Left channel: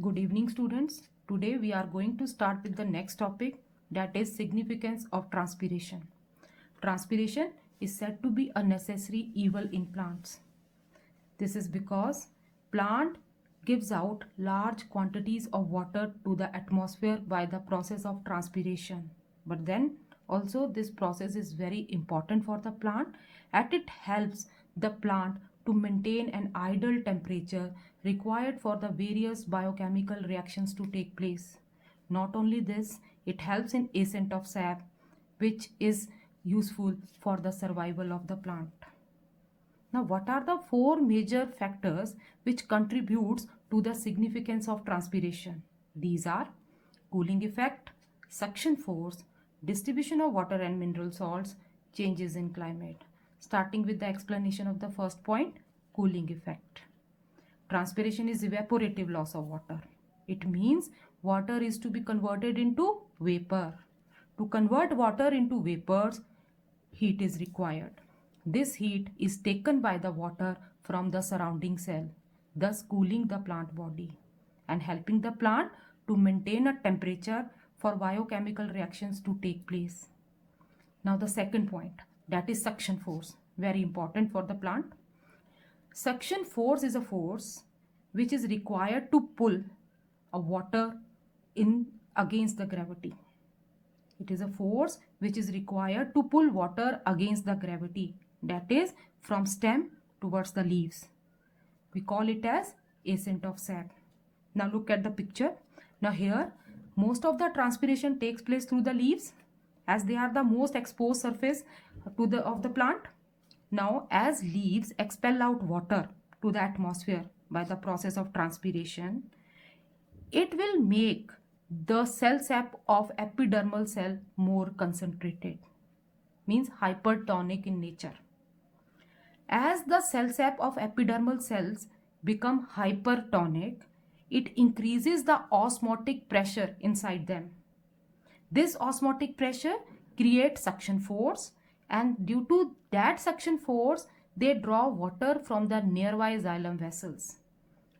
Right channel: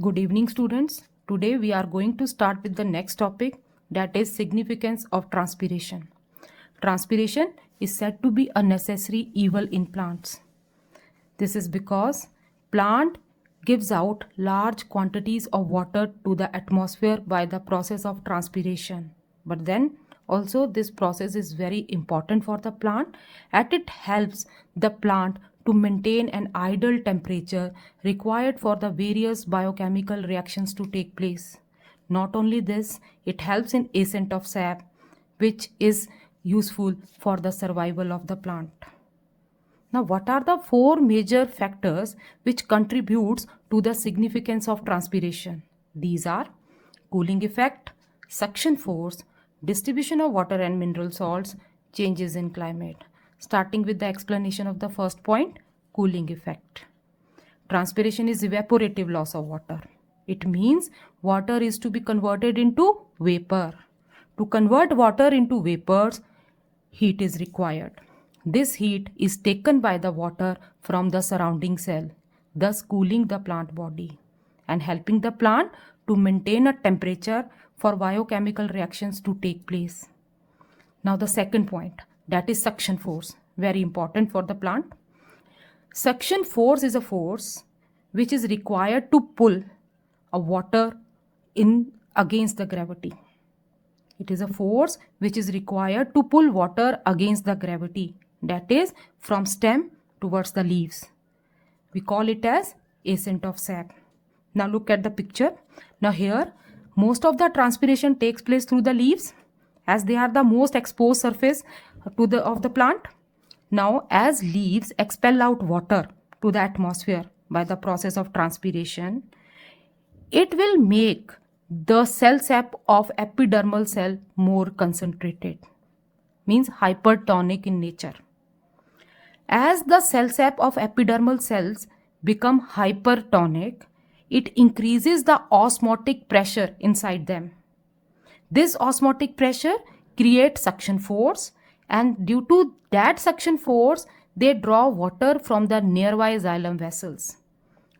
Good evening, students. Today we are going to start with the next topic, that is significance of transpiration. Transpiration is said to be a necessary evil in plants. This is because plant gives out large quantities of water to the atmosphere by the process of transpiration. But then also this process is very important for the plant as it helps the plant to maintain an ideal temperature required for the various biochemical reactions to take place. Not only this, it helps in ascent of sap, which is useful for the survival of the plant. Now, what are the four major factors which contributes to the significance of transpiration? These are cooling effect, suction force, distribution of water and mineral salts, changes in climate. Starting with the explanation of the first point, cooling effect. Transpiration is evaporative loss of water. It means water is to be converted into vapor. To convert water into vapors, heat is required. This heat is taken by the water from the surrounding cell, thus cooling the plant body and helping the plant to maintain a temperature for biochemical reactions to take place. Now the second point, that is suction force, very important for the plant. Suction force is a force which is required to pull a water in against the gravity. It is a force which is required to pull water against the gravity, that is from stem towards the leaves. We call it as ascent of sap. Now look at the picture. Now here most of the transpiration takes place through the leaves as they are the most exposed surface of the plant. Now as leaves expel out water to the atmosphere by the process of transpiration, it will make the cell sap of epidermal cell more concentrated, means hypertonic in nature. As the cell sap of epidermal cells become hypertonic, it increases the osmotic pressure inside them. This osmotic pressure creates suction force, and due to that suction force, they draw water from the nearby xylem vessels.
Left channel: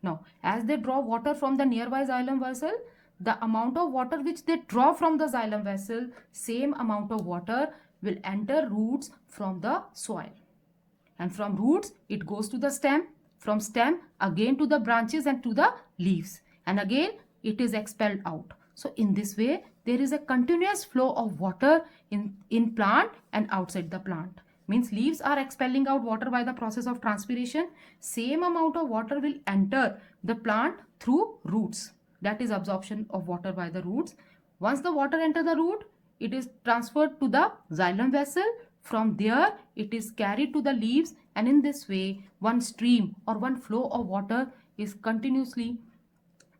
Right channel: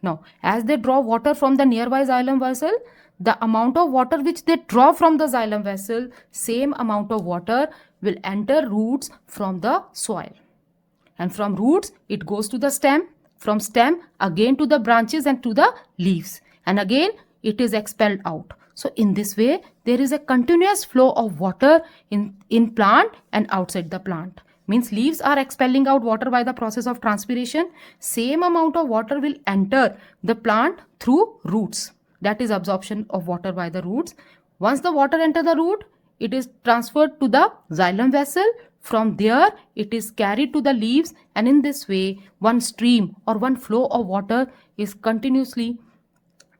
Now, as they draw water from the nearby xylem vessel, the amount of water which they draw from the xylem vessel, same amount of water will enter roots from the soil. And from roots, it goes to the stem, from stem again to the branches and to the leaves. And again, it is expelled out. So in this way, there is a continuous flow of water in plant and outside the plant. Means leaves are expelling out water by the process of transpiration. Same amount of water will enter the plant through roots. That is absorption of water by the roots. Once the water enter the root, it is transferred to the xylem vessel. From there, it is carried to the leaves, and in this way, one stream or one flow of water is continuously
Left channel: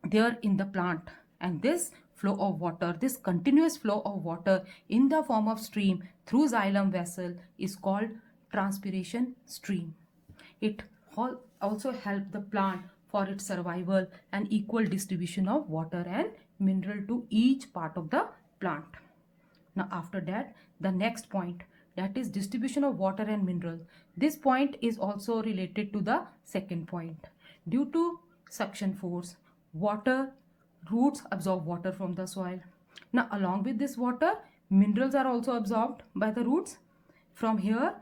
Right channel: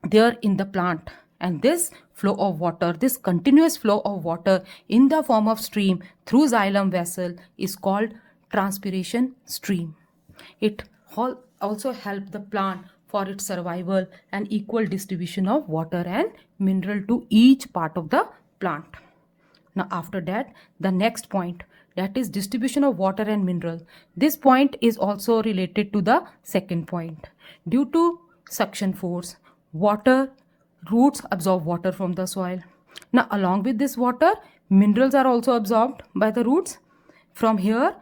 there in the plant. And this flow of water, this continuous flow of water in the form of stream through xylem vessel is called transpiration stream. It also helps the plant for its survival and equal distribution of water and mineral to each part of the plant. Now after that, the next point, that is distribution of water and mineral. This point is also related to the second point. Due to suction force, roots absorb water from the soil. Now along with this water, minerals are also absorbed by the roots. From here,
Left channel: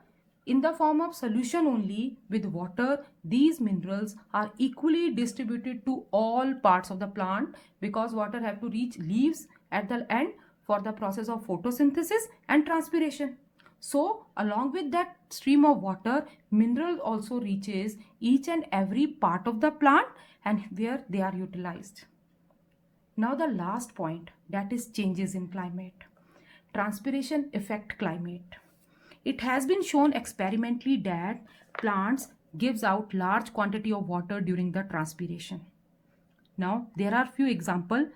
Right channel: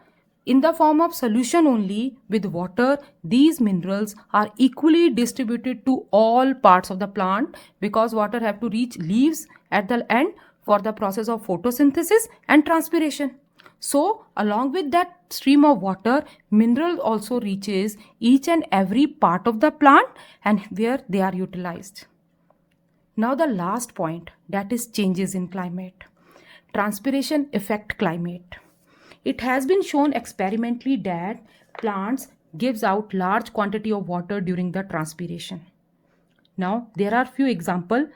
in the form of solution only with water, these minerals are equally distributed to all parts of the plant because water have to reach leaves at the end for the process of photosynthesis and transpiration. So along with that stream of water, mineral also reaches each and every part of the plant and where they are utilized. Now the last point, that is changes in climate. Transpiration affect climate. It has been shown experimentally that plants gives out large quantity of water during the transpiration. Now there are few examples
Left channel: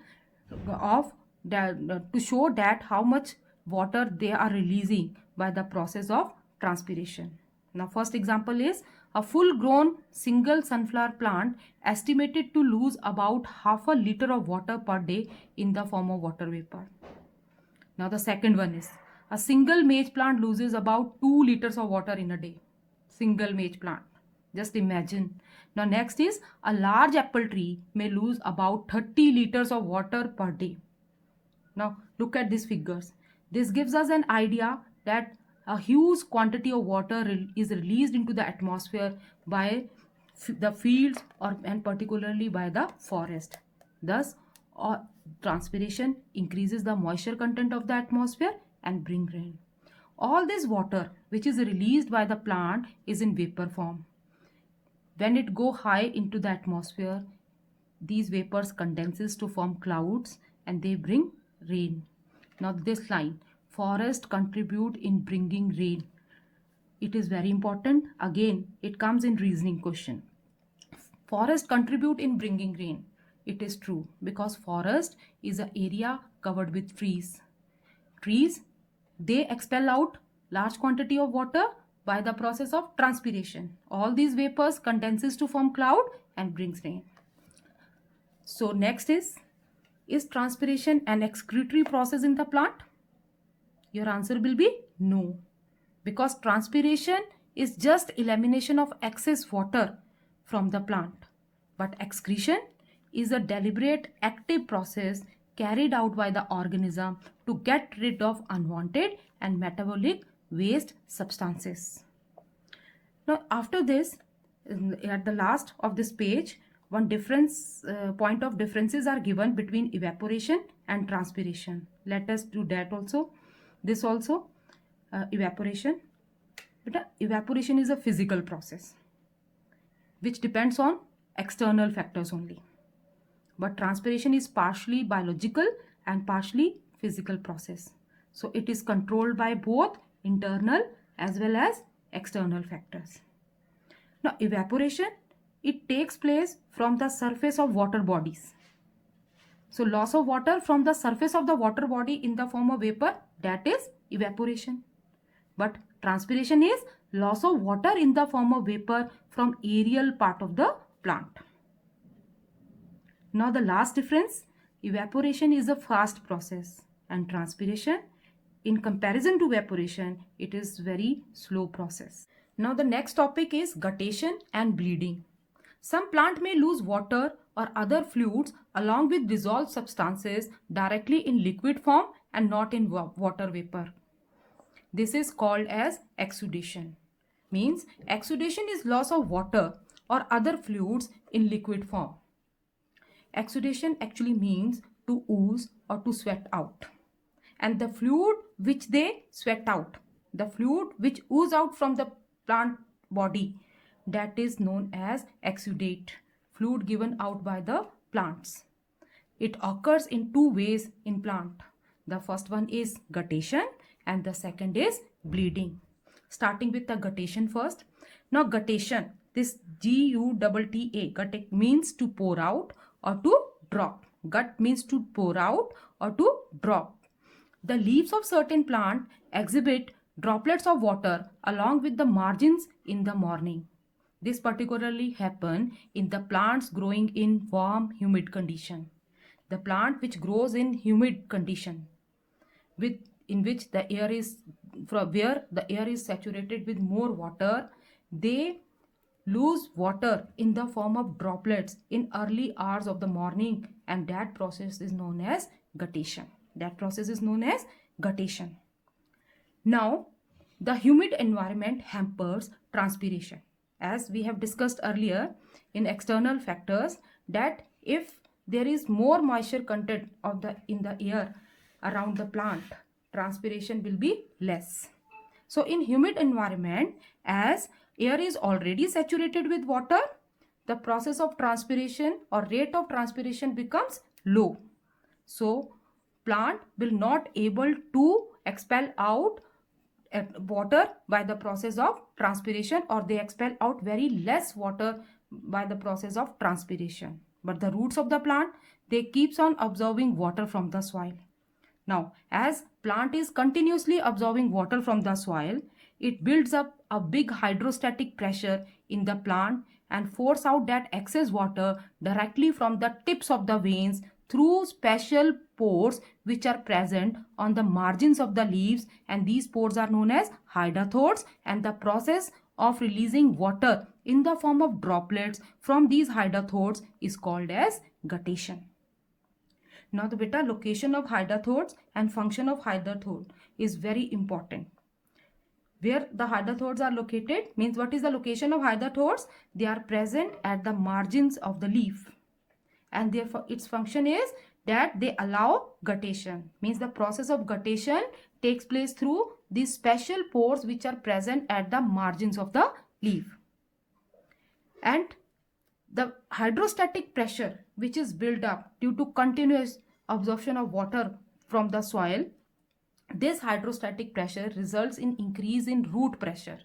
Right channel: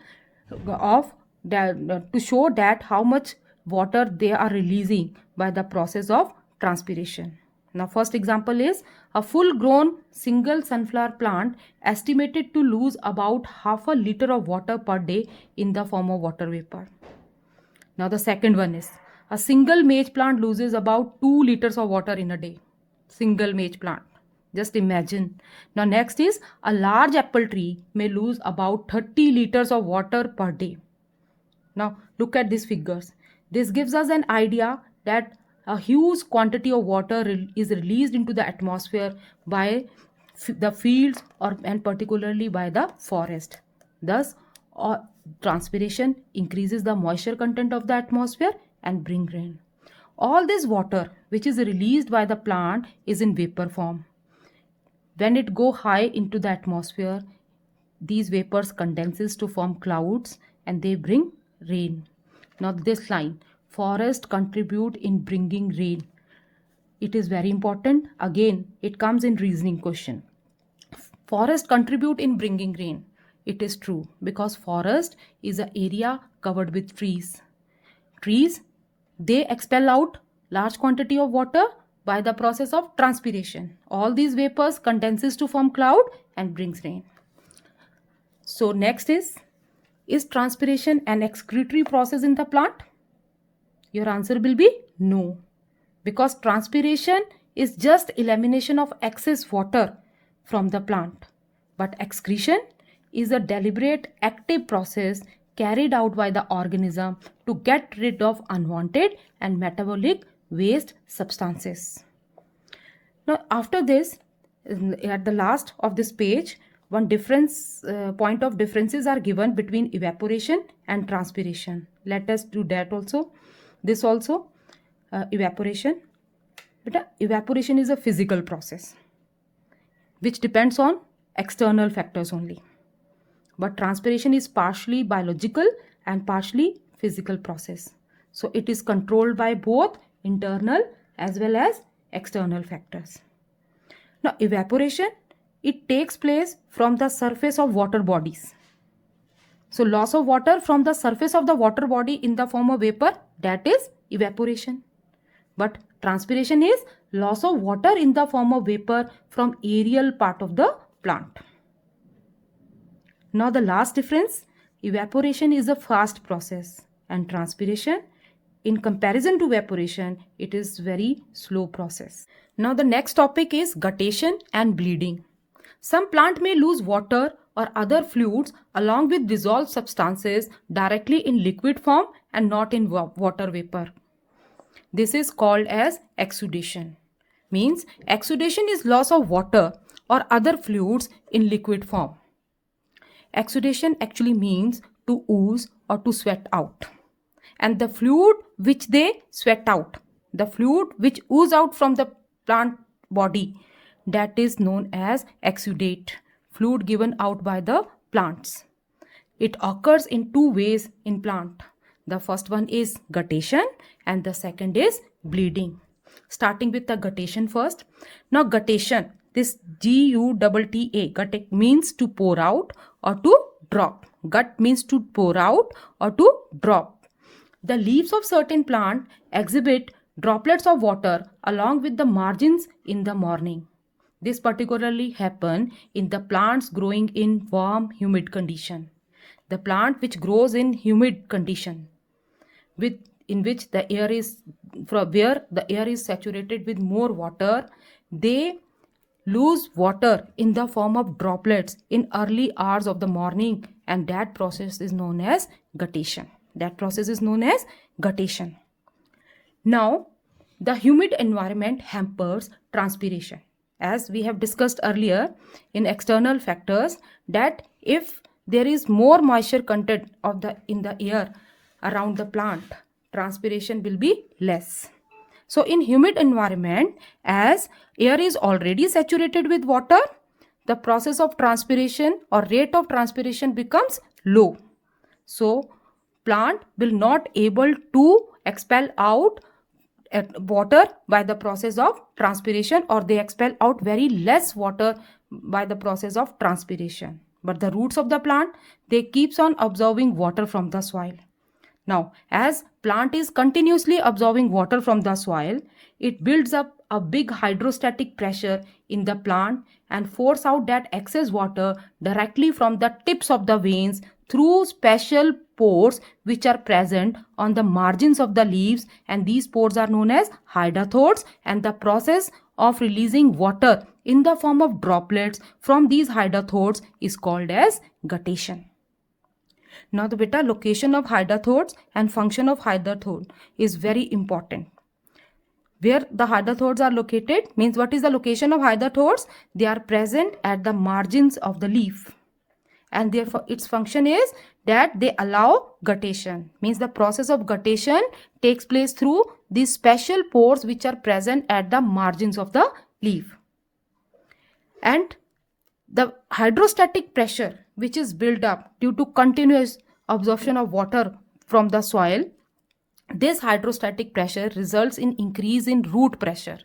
of that to show that how much water they are releasing by the process of transpiration. Now first example is a full grown single sunflower plant estimated to lose about half a liter of water per day in the form of water vapor. Now the second one is a single maize plant loses about 2 liters of water in a day. Single maize plant. Just imagine. Now next is a large apple tree may lose about 30 liters of water per day. Now look at these figures. This gives us an idea that a huge quantity of water is released into the atmosphere by the fields and particularly by the forest. Thus, transpiration increases the moisture content of the atmosphere and bring rain. All this water which is released by the plant is in vapor form. When it go high into the atmosphere, these vapors condenses to form clouds and they bring rain. Now this line, forest contribute in bringing rain. It is very important. Again, it comes in reasoning question. Forest contribute in bringing rain. It is true because forest is an area covered with trees. Trees, they expel out large quantity of water by the process of transpiration. All these vapors condenses to form cloud and brings rain. So next is transpiration an excretory process in the plant? Your answer will be no, because transpiration is just elimination of excess water from the plant. But excretion is a deliberate active process carried out by the organism to get rid of unwanted and metabolic waste substances. Now after this, at the last of this page, one point of differences are given between evaporation and transpiration. Let us do that also. This also, evaporation. But evaporation is a physical process which depends on external factors only. But transpiration is partially biological and partially physical process. So it is controlled by both internal as well as external factors. Now evaporation, it takes place from the surface of water bodies. So loss of water from the surface of the water body in the form of vapor, that is evaporation. But transpiration is loss of water in the form of vapor from aerial part of the plant. Now the last difference, evaporation is a fast process and transpiration, in comparison to evaporation, it is very slow process. Now the next topic is guttation and bleeding. Some plant may lose water or other fluids along with dissolved substances directly in liquid form and not in water vapor. This is called as exudation. Means exudation is loss of water or other fluids in liquid form. Exudation actually means to ooze or to sweat out. And the fluid which they sweat out, the fluid which ooze out from the plant body, that is known as exudate, fluid given out by the plants. It occurs in two ways in plant. The first one is guttation and the second is bleeding. Starting with the guttation first. Now guttation, this G-U-T-T-A, gut means to pour out or to drop. Gut means to pour out or to drop. The leaves of certain plant exhibit droplets of water along with the margins in the morning. This particularly happen in the plants growing in warm, humid condition. The plant which grows in humid condition, in which the air is where the air is saturated with more water, they lose water in the form of droplets in early hours of the morning, and that process is known as guttation. That process is known as guttation. Now, the humid environment hampers transpiration. As we have discussed earlier in external factors, that if there is more moisture content in the air around the plant, transpiration will be less. So in humid environment, as air is already saturated with water, the process of transpiration or rate of transpiration becomes low. So plant will not able to expel out water by the process of transpiration, or they expel out very less water by the process of transpiration. But the roots of the plant, they keeps on absorbing water from the soil. Now, as plant is continuously absorbing water from the soil, it builds up a big hydrostatic pressure in the plant and force out that excess water directly from the tips of the veins through special pores which are present on the margins of the leaves, and these pores are known as hydatodes, and the process of releasing water in the form of droplets from these hydrothodes is called as guttation. Now the beta location of hydrothodes and function of hydrothode is very important. Where the hydrothodes are located means what is the location of hydrothodes? They are present at the margins of the leaf, and therefore its function is that they allow guttation. Means the process of guttation takes place through these special pores which are present at the margins of the leaf. And the hydrostatic pressure which is built up due to continuous absorption of water from the soil, this hydrostatic pressure results in increase in root pressure,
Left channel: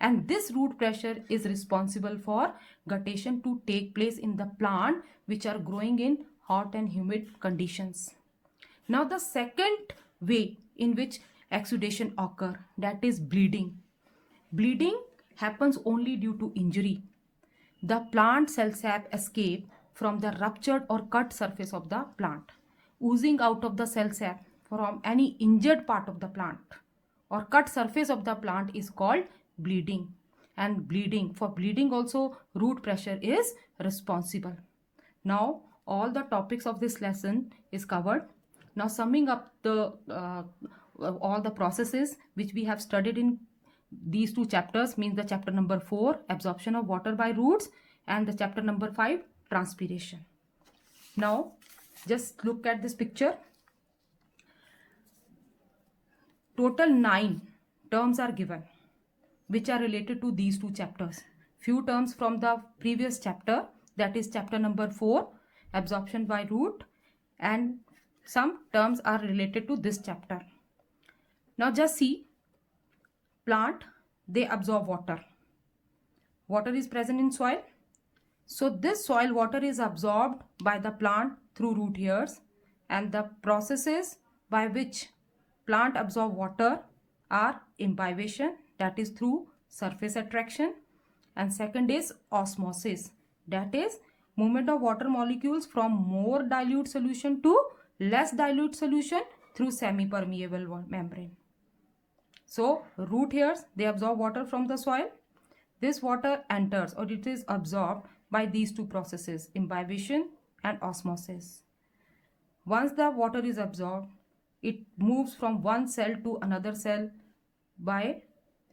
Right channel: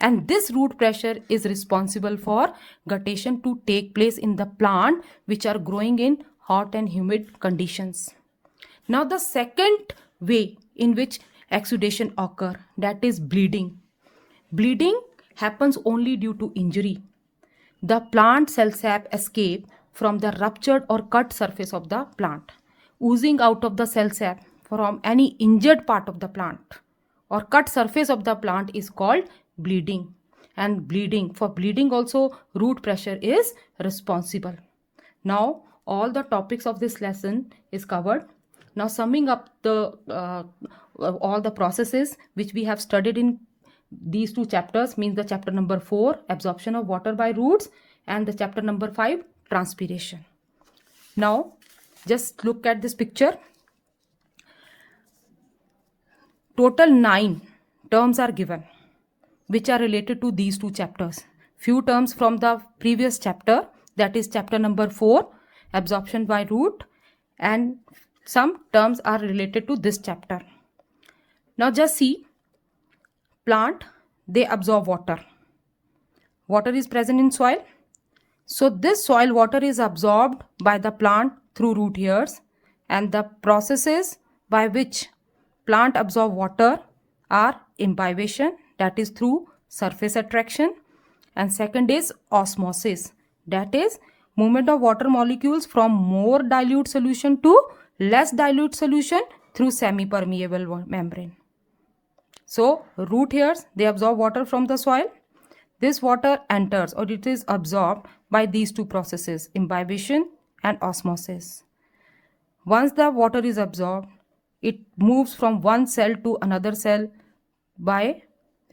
and this root pressure is responsible for guttation to take place in the plant which are growing in hot and humid conditions. Now the second way in which exudation occur, that is bleeding. Bleeding happens only due to injury. The plant cell sap escape from the ruptured or cut surface of the plant. Oozing out of the cell sap from any injured part of the plant or cut surface of the plant is called bleeding. And for bleeding also root pressure is responsible. Now all the topics of this lesson is covered. Now summing up all the processes which we have studied in these two chapters, means the chapter number 4, absorption of water by roots, and the chapter number 5, transpiration. Now just look at this picture. Total 9 terms are given which are related to these two chapters. Few terms from the previous chapter, that is chapter number 4, absorption by root, and some terms are related to this chapter. Now just see, plant, they absorb water. Water is present in soil. So this soil water is absorbed by the plant through root hairs, and the processes by which plant absorb water are imbibition, that is through surface attraction, and second is osmosis, that is movement of water molecules from more dilute solution to less dilute solution through semi-permeable membrane. So root hairs, they absorb water from the soil. This water enters or it is absorbed by these two processes, imbibition and osmosis. Once the water is absorbed, it moves from one cell to another cell by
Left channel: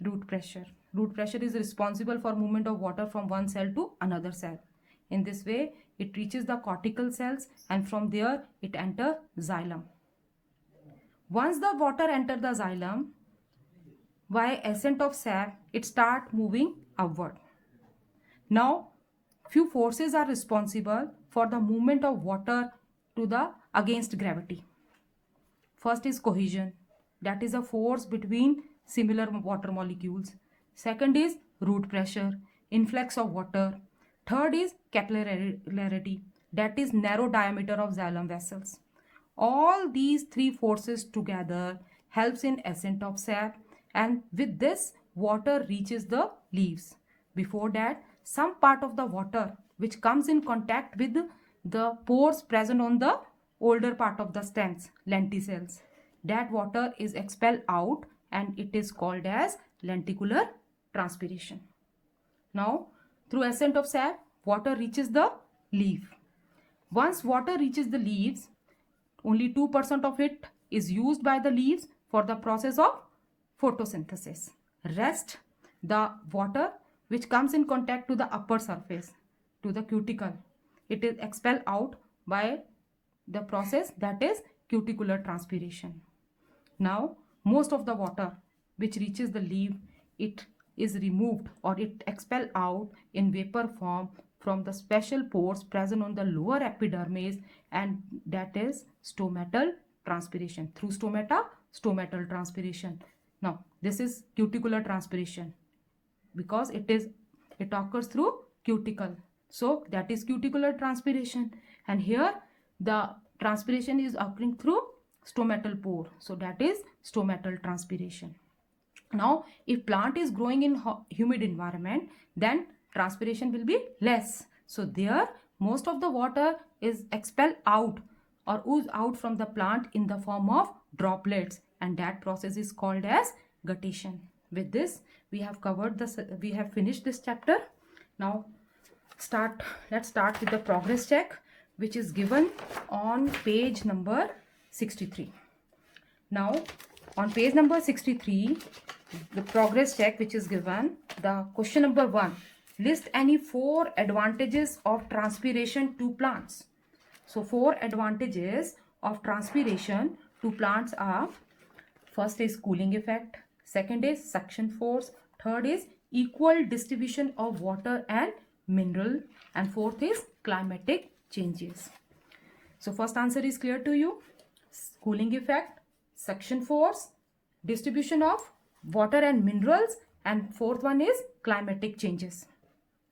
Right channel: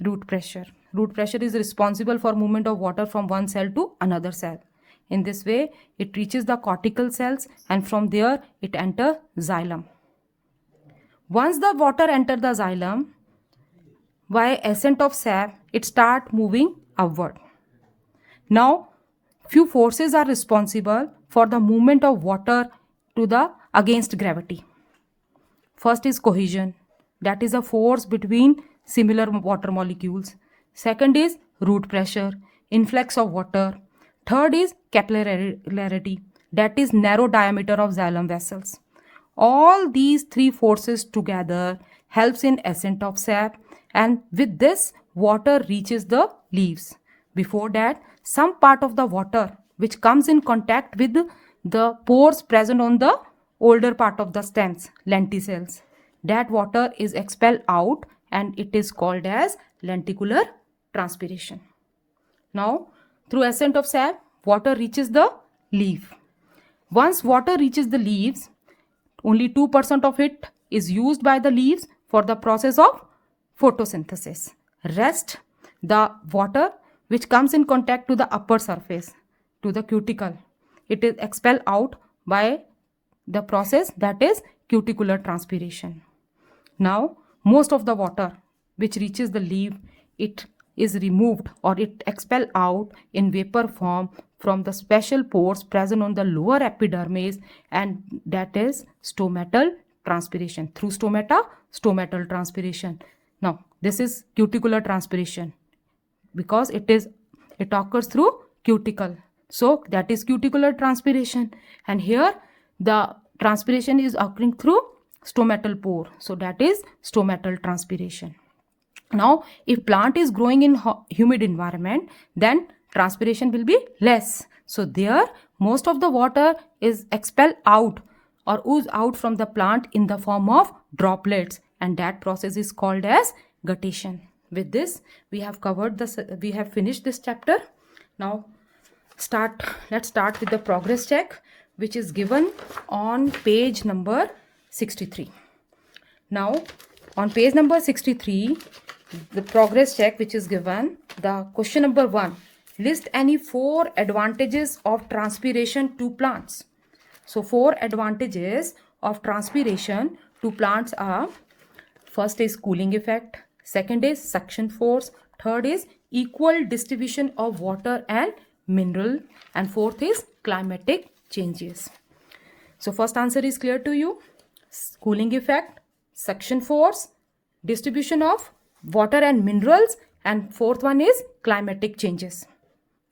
root pressure. Root pressure is responsible for movement of water from one cell to another cell. In this way, it reaches the cortical cells, and from there it enters xylem. Once the water enters the xylem, by ascent of sap, it starts moving upward. Now, few forces are responsible for the movement of water to the against gravity. First is cohesion, that is a force between similar water molecules. Second is root pressure, influx of water. Third is capillarity, that is narrow diameter of xylem vessels. All these three forces together helps in ascent of sap, and with this water reaches the leaves. Before that, some part of the water which comes in contact with the pores present on the older part of the stems, lenticels, that water is expelled out, and it is called as lenticular transpiration. Now through ascent of sap, water reaches the leaf. Once water reaches the leaves, only 2% of it is used by the leaves for the process of photosynthesis. Rest, the water which comes in contact to the upper surface, to the cuticle, it is expelled out by the process, that is cuticular transpiration. Now most of the water which reaches the leaf, it is removed or it expelled out in vapor form from the special pores present on the lower epidermis, and that is stomatal transpiration. Through stomata, stomatal transpiration. Now this is cuticular transpiration because it occurs through cuticle. So that is cuticular transpiration, and here the transpiration is occurring through stomatal pore. So that is stomatal transpiration. Now if plant is growing in humid environment, then transpiration will be less. So there most of the water is expelled out or ooze out from the plant in the form of droplets, and that process is called as guttation. With this we have finished this chapter. Now let's start with the progress check, which is given on page number 63. Now on page number 63, the progress check which is given, the question number 1, list any 4 advantages of transpiration to plants. So 4 advantages of transpiration to plants are: first is cooling effect, second is suction force, third is equal distribution of water and mineral, and fourth is climatic changes. So first answer is clear to you: cooling effect, suction force, distribution of water and minerals, and fourth one is climatic changes.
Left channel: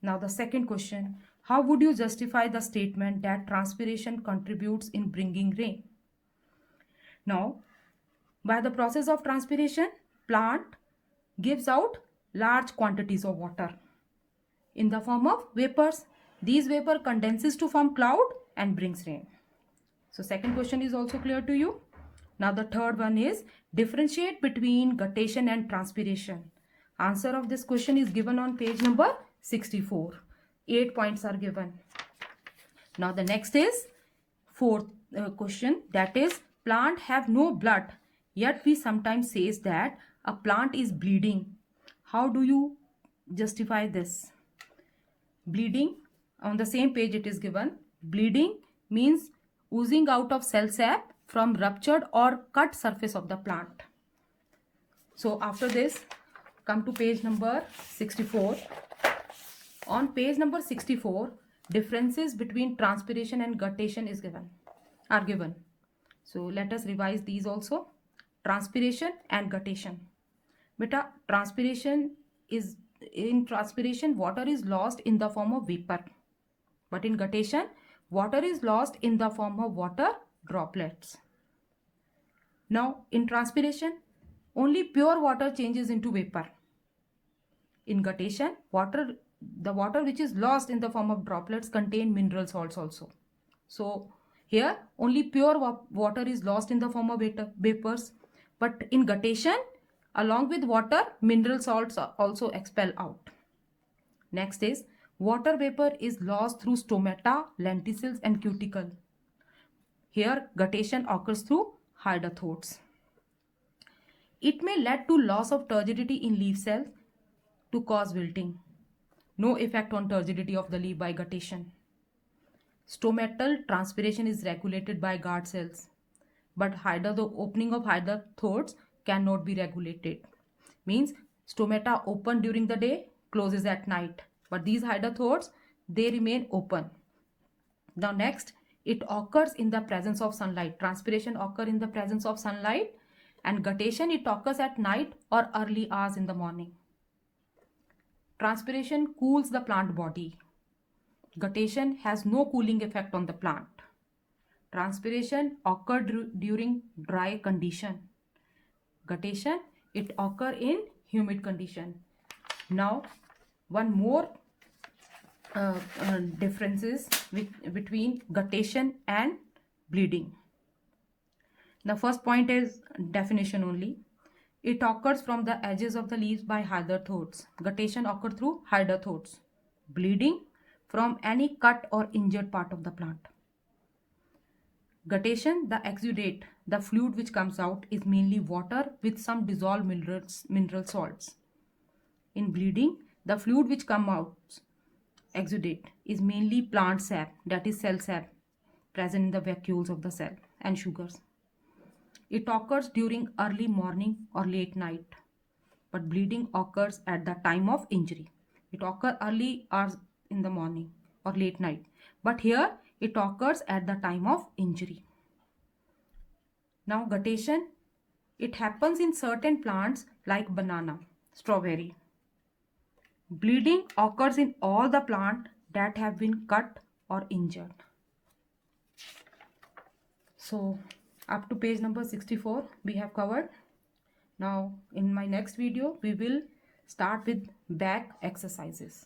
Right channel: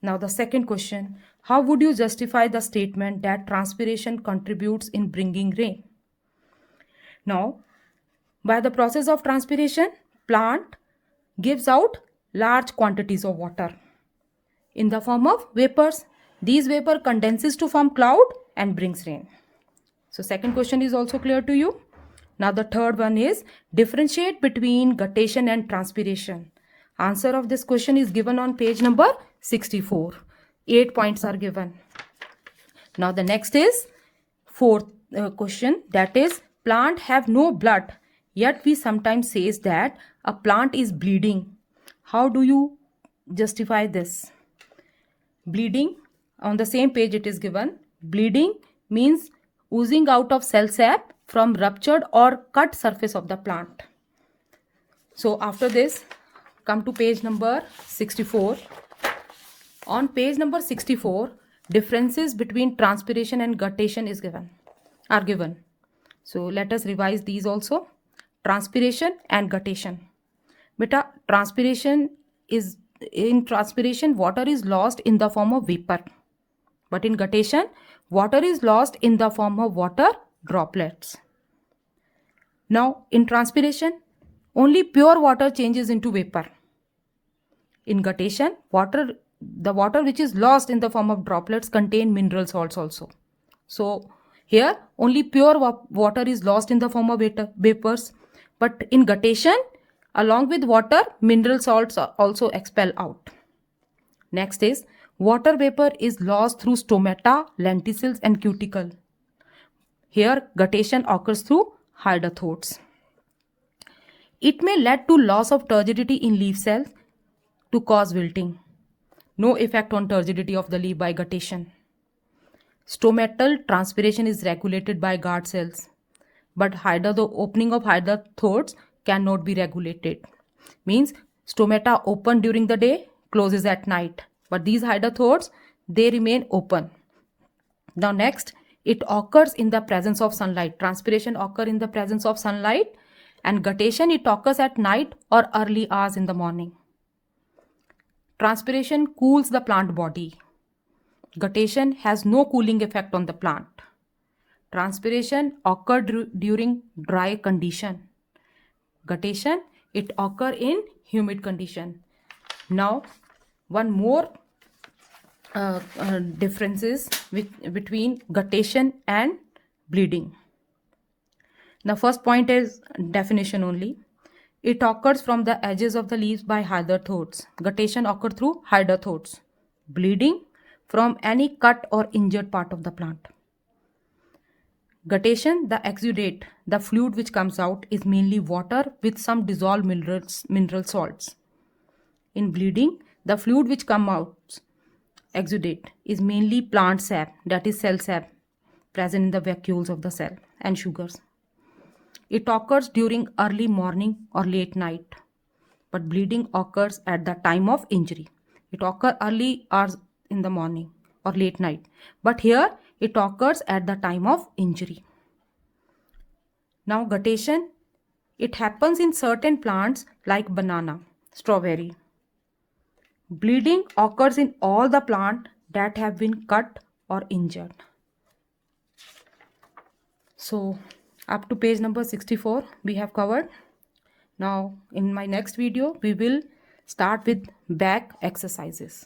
Now the second question, how would you justify the statement that transpiration contributes in bringing rain? Now, by the process of transpiration, plant gives out large quantities of water in the form of vapors. These vapor condenses to form cloud and brings rain. So second question is also clear to you. Now the third one is differentiate between guttation and transpiration. Answer of this question is given on page number 64. 8 points are given. Now the next is fourth question, that is plant have no blood, yet we sometimes says that a plant is bleeding. How do you justify this? Bleeding, on the same page it is given, bleeding means oozing out of cell sap from ruptured or cut surface of the plant. So after this, come to page number 64. On page number 64, differences between transpiration and guttation are given. So let us revise these also. Transpiration and guttation. Beta, in transpiration, water is lost in the form of vapor. But in guttation, water is lost in the form of water droplets. Now, in transpiration, only pure water changes into vapor. In guttation, the water which is lost in the form of droplets contain mineral salts also. So, here only pure water is lost in the form of vapors. But in guttation, along with water, mineral salts are also expel out. Next is water vapor is lost through stomata, lenticels and cuticle. Here guttation occurs through hydrothodes. It may lead to loss of turgidity in leaf cells to cause wilting. No effect on turgidity of the leaf by guttation. Stomatal transpiration is regulated by guard cells, but the opening of hydrothodes cannot be regulated. Means stomata open during the day, closes at night, but these hydrothodes, they remain open. Now next, it occurs in the presence of sunlight. Transpiration occurs in the presence of sunlight, and guttation, it occurs at night or early hours in the morning. Transpiration cools the plant body. Guttation has no cooling effect on the plant. Transpiration occurs during dry condition. Guttation, it occurs in humid condition. Now, one more differences between guttation and bleeding. The first point is definition only. It occurs from the edges of the leaves by hydrothodes. Guttation occurs through hydrothodes. Bleeding from any cut or injured part of the plant. Guttation, the exudate, the fluid which comes out is mainly water with some dissolved mineral salts. In bleeding, the fluid which comes out, exudate, is mainly plant sap, that is cell sap, present in the vacuoles of the cell, and sugars. It occurs during early morning or late night, but bleeding occurs at the time of injury. It occurs early hours in the morning or late night, but here it occurs at the time of injury. Now guttation, it happens in certain plants like banana, strawberry. Bleeding occurs in all the plants that have been cut or injured. So up to page number 64 we have covered. Now in my next video we will start with back exercises.